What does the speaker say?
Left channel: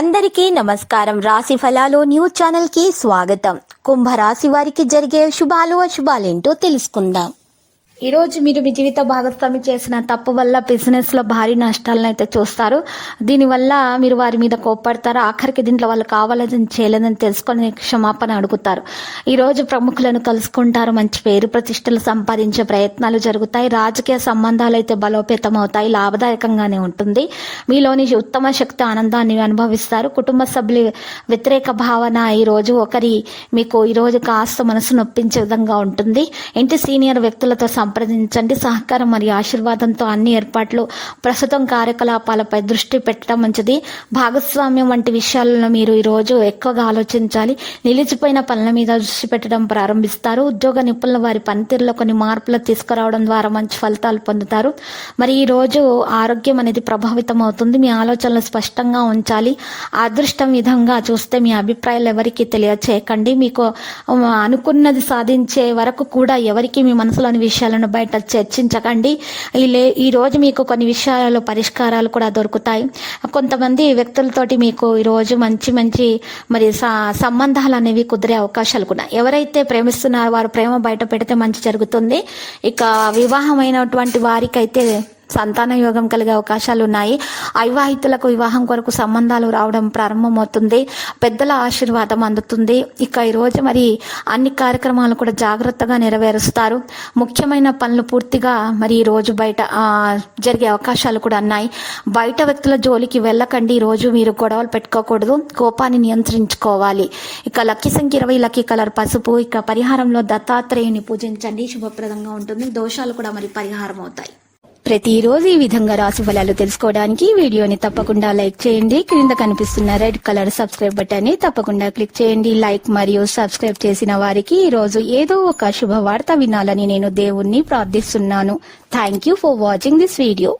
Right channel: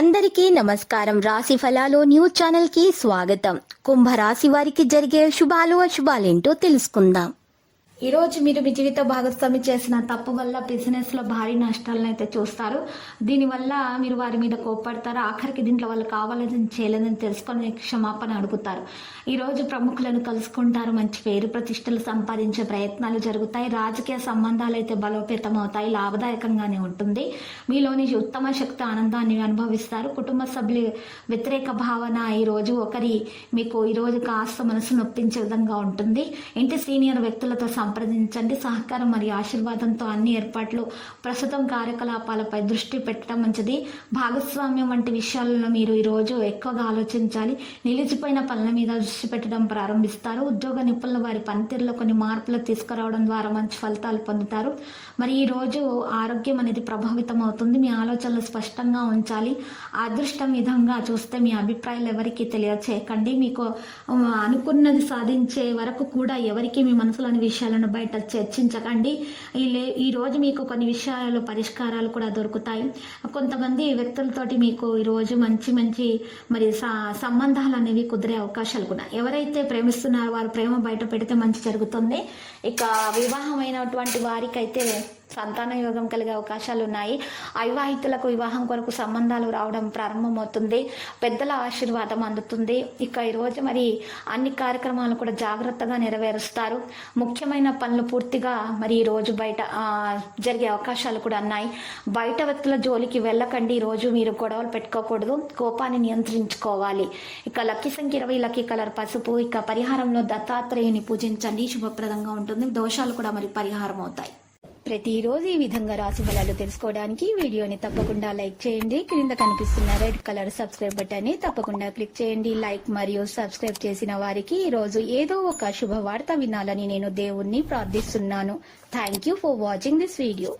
అందరికీ నమస్కారం. రాశి ఫలాలు న్యూస్ ఛానల్ కి స్వాగతం. కుంభరాశి వారికి జరిగే శుభాలు అశుభాలేంటో తెలుసుకుందాం. ఈ రోజు మీరు మీ జీవిత భాగస్వామి చేసిన తప్పు వల్ల బిజినెస్ లో భారీ నష్టాలను అయితే చూస్తారు. దీనివల్ల మీరు వారి మీద కోప్పడతారు. ఆఖరికి దీంట్లో వాళ్ళు కావాలని చేయలేదని తెలుసుకొని క్షమాపణ అడుగుతారు. ఈ రోజు ప్రముఖులను కలుసుకుంటారు. మంచి పేరు ప్రతిష్టలు సంపాదించే ప్రయత్నాలు జరుగుతాయి. రాజకీయ సంబంధాలు అయితే బలోపేతం అవుతాయి. లాభదాయకంగానే ఉంటుంది. మీలోని ఉత్తమ శక్తి ఆనందాన్ని అనుభవిస్తారు. కుటుంబ సభ్యుల వ్యతిరేక భావన ఈ రోజు మీకు ఈ రోజు కాస్త మనసు నొప్పించే విధంగా ఉంటుంది. ఇంటి సీనియర్ వ్యక్తులతో సంప్రదించండి. సహకారం మరియు ఆశీర్వాదంతో అన్ని ఏర్పాట్లు ప్రస్తుతం కార్యకలాపాలపై దృష్టి పెట్టడం మంచిది. భాగస్వామ్యం వంటి విషయాలను మీరు ఈరోజు ఎక్కువగా ఆలోచించాలి. నిలిచిపోయిన పనుల మీద దృష్టి పెట్టడం ప్రారంభిస్తారు. ఉద్యోగ నిపుణుల వారి పనితీరులో కొన్ని మార్పులు తీసుకురావడం ద్వారా మంచి ఫలితాలు పొందుతారు. మరి ఈ రోజు ఆరోగ్యం అనేది ప్రభావితం అవుతుంది. మీ ఆలోచనలు స్పష్టంగా ఉంచాలి. అదృష్టం విధంగా చూస్తే మీ అభిప్రాయాలు ఎవరికి తెలియచేయకండి. మీకు అనుకున్నది సాధించే వరకు కూడా ఎవరికి మీ మనసులోని విషయాలను బయట చర్చించకండి. ఈ రోజు మీకు కొన్ని విషయాలలో పరిష్కారాలు కూడా దొరుకుతాయి. కొంతమంది వ్యక్తులతోటి మీకు ఈరోజు మంచి మరి సంబంధాలు అనేవి కుదిరే అవకాశాలు కూడా. ఎవరైతే ప్రేమిస్తున్నారో వారు ప్రేమ బయట పెడితే మంచి జరుగుతుంది. ఇక వివాహమైనటువంటి వారికైతే సంతాన యోగం కలిగే అవకాశాలు ఉన్నాయి. అవివాహితులకు వివాహం కొరకు సంబంధాలు రావడం ప్రారంభమవుతుంది. పెద్దల ఆశీర్వాదం అందుతుంది. ఇక ఈరోజు మరి అన్ని కార్యక్రమాలు కూడా జాగ్రత్తగా నెరవేరుస్తారు. ముఖ్యమైన పనులు పూర్తిగా మరి ఈ రోజు బయట జరిగే అవకాశాలు కూడా ఉన్నాయి. బయట వ్యక్తుల జోలికి వెళ్ళకండి. ఈరోజు మీరు గొడవలు పెట్టుకోకూడదు. కోపాన్ని నియంత్రించుకోవాలి. ఇక లక్కీ సంఖ్య 20, లక్కీ కలర్ పసుపు. ఇక పరిహారంలో దత్తాత్రేయుని పూజించండి. శుభప్రదంగా ఉంటుంది. దోషాలు కూడా మరి పరిహారం అవుతాయి. ప్రతిరోజు ఈ విధంగా రాశి ఫలాలు తెలుసుకోవడానికి వీడియోని తప్పకుండా లైక్ చేయండి. క్రింద కనిపిస్తున్న రెడ్ కలర్ సబ్స్క్రైబ్ బటన్ ని తప్పకుండా క్లిక్ చేయండి. లైక్ మరియు సబ్స్క్రైబ్ చేసిన వారికి ఈ రోజు ఏదో ఒక శుభవార్త వినాలని నేను దేవుణ్ణి ప్రార్థిస్తున్నాను. Thank you for watching this video.